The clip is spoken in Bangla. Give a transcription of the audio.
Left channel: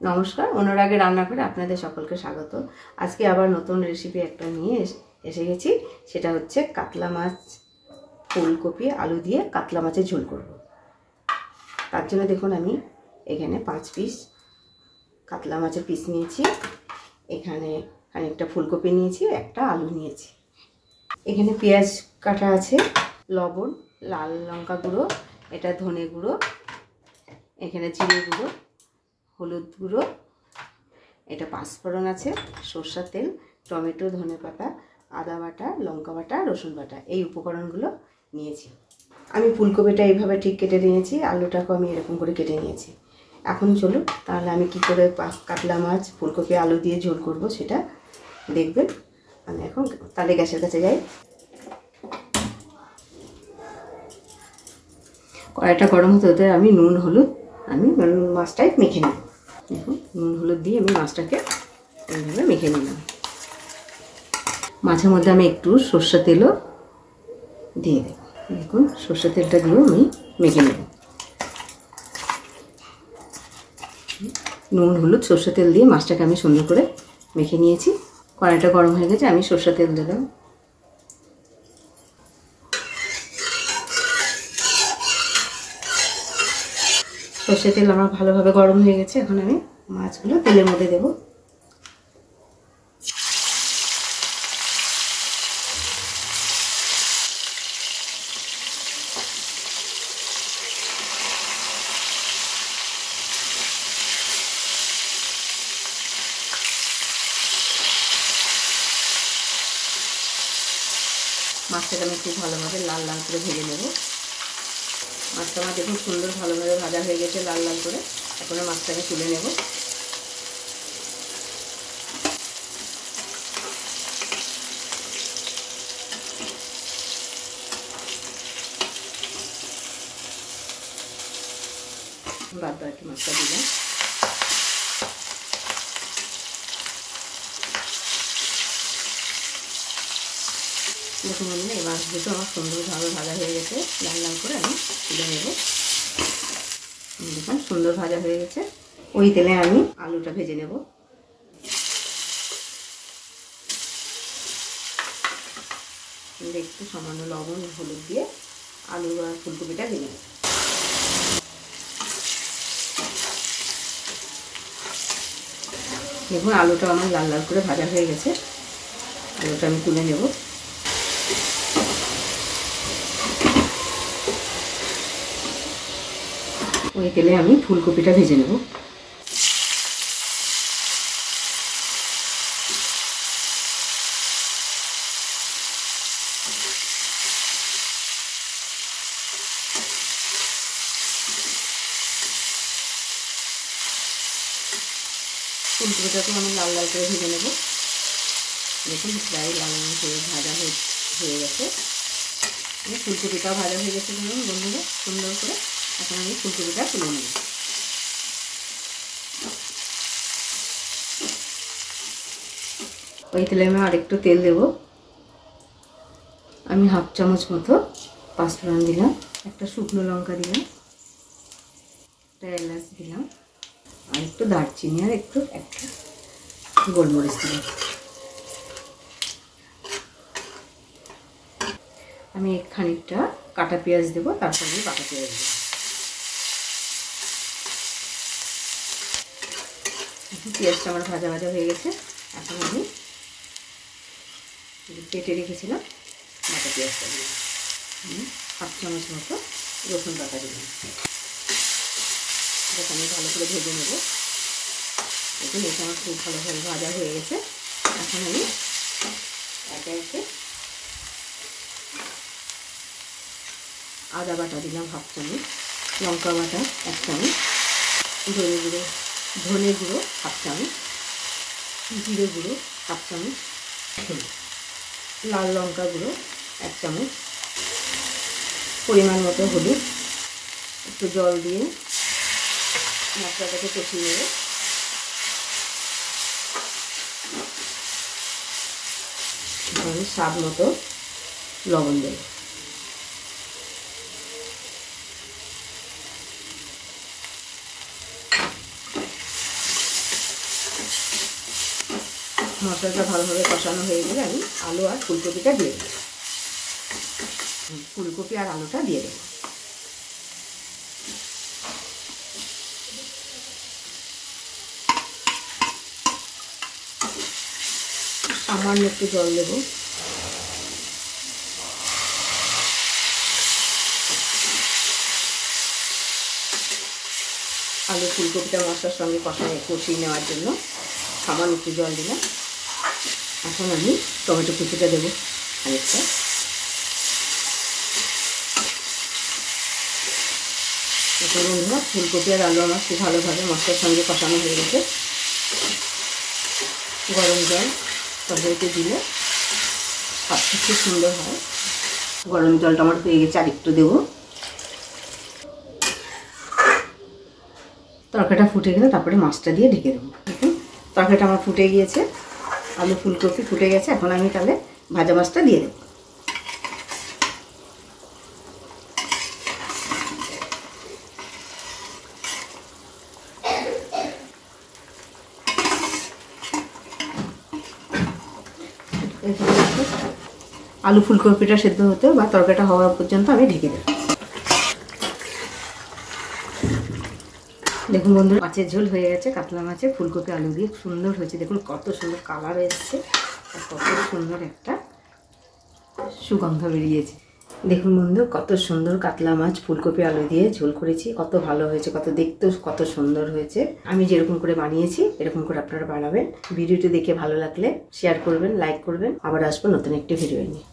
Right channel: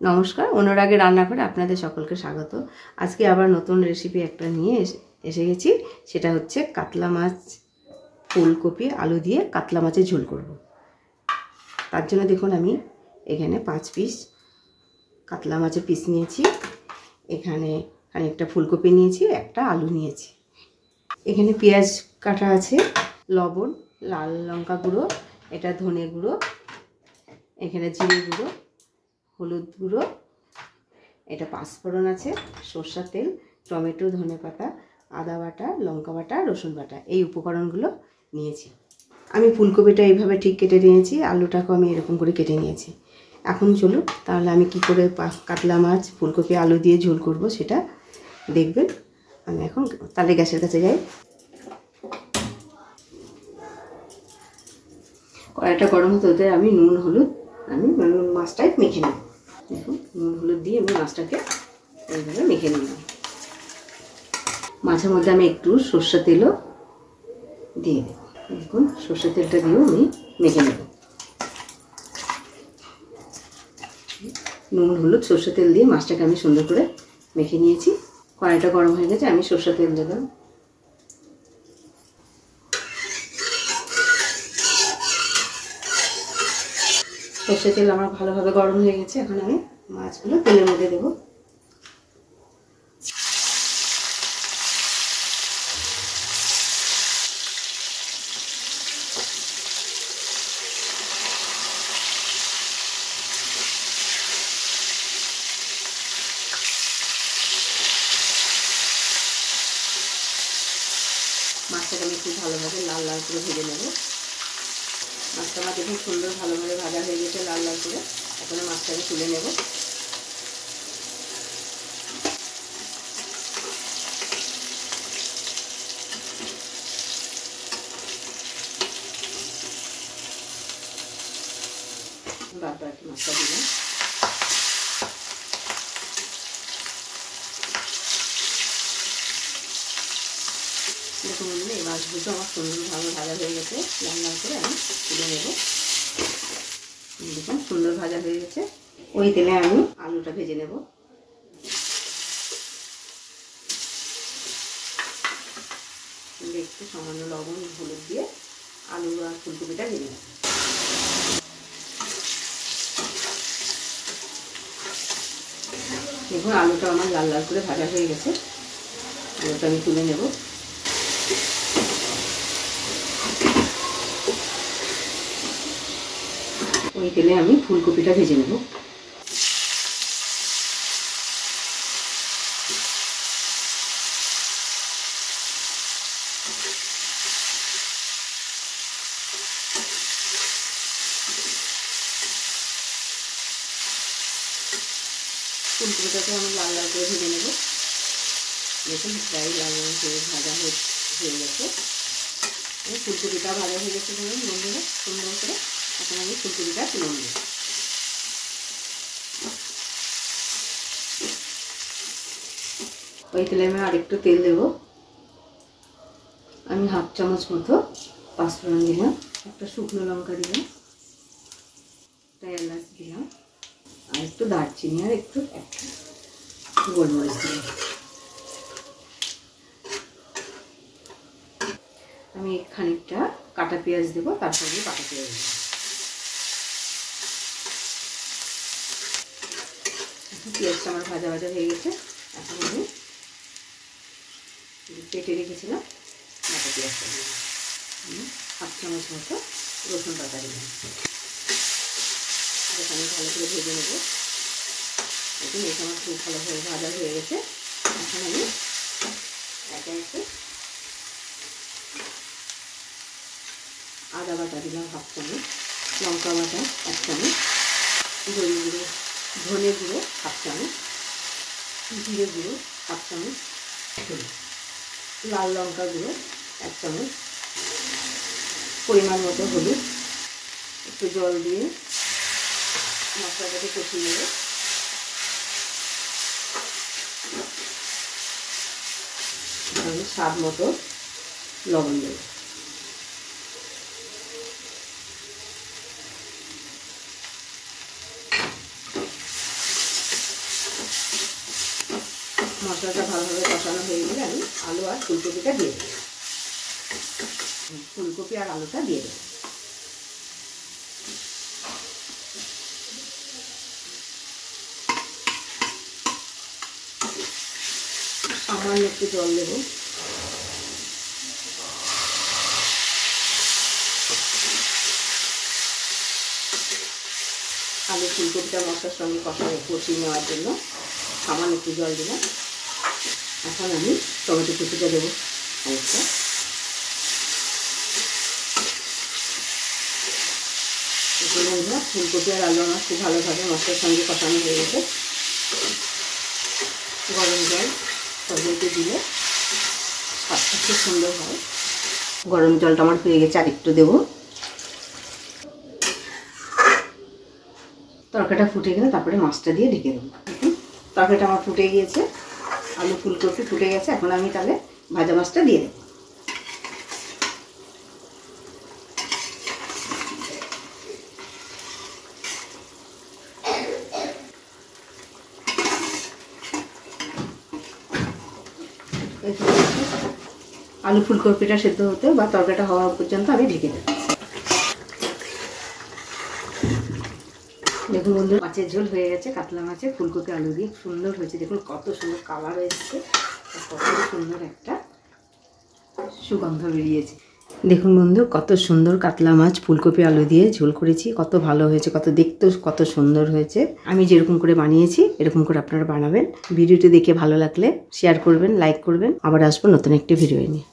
নমস্কার, অনুরাগে রান্না করে আপনাদের সকলকে স্বাগত। আজকে আবার নতুন রেসিপি একটা নিয়ে এসে গেছি। সেটা হচ্ছে কাতলা মাছ, ফুলকপি আলু দিয়ে কাতলা মাছের ঝোল করব। তার জন্য দেখুন আমি এখানে 5 পিস কাতলা মাছের পিস নিয়েছি, এখানে খানিকটা ফুলকপি নিয়েছি, একটা আলু নিয়েছি। এখানে পেঁয়াজ কাটা আছে, লবণ, লাল লঙ্কা গুঁড়ো, এটা ধনে গুঁড়ো, এখানে জিরে গুঁড়ো, হলুদ গুঁড়ো, এটা পাঁচফোড়ন আছে, সরষের তেল, টমেটো, ধনেপাতা, আদা বাটা, লঙ্কা বাটা, রসুন বাটা, এই উপকরণগুলো নিয়েছি। আমি ফুলকপিটা এইভাবে ঠিক কেটে নিয়েছি, আলুটাকেও আমি এরকম করে কেটে নিয়েছি। এখন চলুন তাহলে আমি কি করে কাতলা মাছ ফুলকপি আলু দিয়ে ঝোল করব সেটা দেখবেন। আমি এখন তাহলে গ্যাসের কাছে যাই। কড়াইটা গরম হতে আমি নুন হলুদ মাছটায় মেখে নেব। দেখুন নুন হলুদ দিয়ে আমি মাছটাকে এইভাবে মেখে নিলাম। মাছের মধ্যে আমি একটু সর্ষের তেলও দিয়ে দেব। দেখুন সর্ষের তেলটা দিয়েও আমি মেখে নেব। নুন হলুদ সর্ষের তেল দিয়ে মাছটাকে আমি সুন্দর করে মেখে নিয়েছি। কড়াইটা গরম হয়ে গেছে, আমি সর্ষের তেল দিলাম। সর্ষের তেল আমার ভালোভাবে গরম হয়ে গেছে, এখন আমি মাছগুলো তেলের মধ্যে দেব। মাছটাকে আমি খুব ভালোভাবে লাল লাল করে ভেজে নেব। মাছটা আমার দেখুন সুন্দর ভালোভাবে ভাজা হয়ে গেছে লাল লাল করে। এখন মাছটাকে তুলে নেব। বাদ বাকি মাছটা দিলাম। দেখুন এই মাছগুলো আমার সুন্দরভাবে ভাজা হয়ে গেছে, লাল লাল করে আমি তুলে নেব। দেখুন সুন্দর ভাজা হয়ে গেছে। ওই তেলে আমি আলুটা ভেজে নেব। একটু সামান্য লবণ হলুদ দিয়ে আলু আর ফুলকপিটা ভেজে নেব। দেখুন আলুটা আমার লাল লাল করে ভাজা হয়ে গেছে, আলুটা আমি তুলে নেব। ওই তেলে আমি ফুলকপিটা ভেজে নেব। ফুলকপিটাকে আমি লাল লাল করে ভেজে নেব। দেখুন প্রায় লাল লাল করে ভাজা হয়ে গেছে। ফুলকপিটাও ভাজা হয়ে গেছে বন্ধুরা সুন্দর করে। এখন আমি ফুলকপিটা তুলে নেব। ওই তেলে আমি আরেকটু তেল দেব। আমি হাফ চামচ মতো পাঁচফোড়ন দিলাম, একটা শুকনো লঙ্কা দিলাম, একটা এলাচ দিলাম, আর একটু দারচিনি আর একটা গোলমরিচ দিলাম। আমি খানিকটা কাটা পেঁয়াজ দেবো, তারপর আমি কাটা পেঁয়াজ দেবো। পেঁয়াজটা আমার ভাজা ভাজা হয়ে গেছে। এখন আমি কেটে রেখেছিলাম কাটা পেঁয়াজটা দিলাম। হাফ চামচ মতো রসুন বাটা দিলাম। এটা আমি ভালো করে ভেজে নেব। দেখুন এটা আমার খুব ভালোভাবে ভাজা হয়ে গেছে। এখন আমি একে একে আদা বাটা দিলাম হাফ চামচ, লঙ্কা বাটা 1 চামচ, ধনে গুঁড়ো হাফ চামচ, জিরে গুঁড়ো হাফ চামচ, লাল লঙ্কা গুঁড়ো 1 চামচ, পরিমাণ মতো হলুদ, একটু জল দিয়ে মশলাটাকে কষিয়ে নেব। আমি স্বাদ মতো লবণ দেব। মশলাটা ভালোভাবে কষানো হয়ে গেলে আমি আলু আর ফুলকপিটা দিয়ে দেবো। ফুলকপি আর আলুটা দিয়ে দেবো। সামান্য একটু জল দেবো। আলু ফুলকপিটা মশলার সঙ্গে কষিয়ে নেওয়ার জন্য সামান্য একটু জল দিলাম। এখন আমি টমেটো কুচিটা দেবো অনেকটা। বন্ধুরা, ফুলকপি আর আলু আমার খুব ভালোভাবে মশলার সঙ্গে কষানো হয়ে গেছে। গরম জল তরকারিতে দিলে স্বাদটা খুব সুন্দর হয়। গরম জলটা আমার হয়ে গেছে, আরেকটু দেবো। তরকারিটা ফুটে গেলে তারপরে মাছটা দিয়ে ঢেকে দেবো। তরকারিটা আমার ফুটে গিয়েছে, আলু ফুলকপি ফুটে গেছে। এখন আমি তাহলে ভাজা মাছটা দিয়ে দেবো। আলু ফুলকপিটা সেদ্ধ হতে বা তরকারিটা হওয়া পর্যন্ত আমি ঢেকে দেবো। দেখুন বন্ধুরা, মাছের ঝোল হয়ে গেছে। কাতলা মাছে ফুলকপি আলু দিয়ে সুন্দর হয়েছে। দেখুন কত সুন্দর কালার এসছে, কত সুন্দর একটা সুগন্ধ বেরিয়েছে। দেখুন বন্ধু, কত সুন্দর কাতলা মাছ ফুলকপি আলু দিয়ে ঝোল করেছি। কত ভালো হয়েছে, কত দেখতেও কত সুন্দর হয়েছে। আমি যেরকম করে বানিয়েছি এরকম করে আপনারা বানাবেন। ভিডিওটি দেখে ভালো লাগলে শেয়ার করবেন, লাইক করবেন। আবার আসবো নতুন একটি ভিডিও নিয়ে।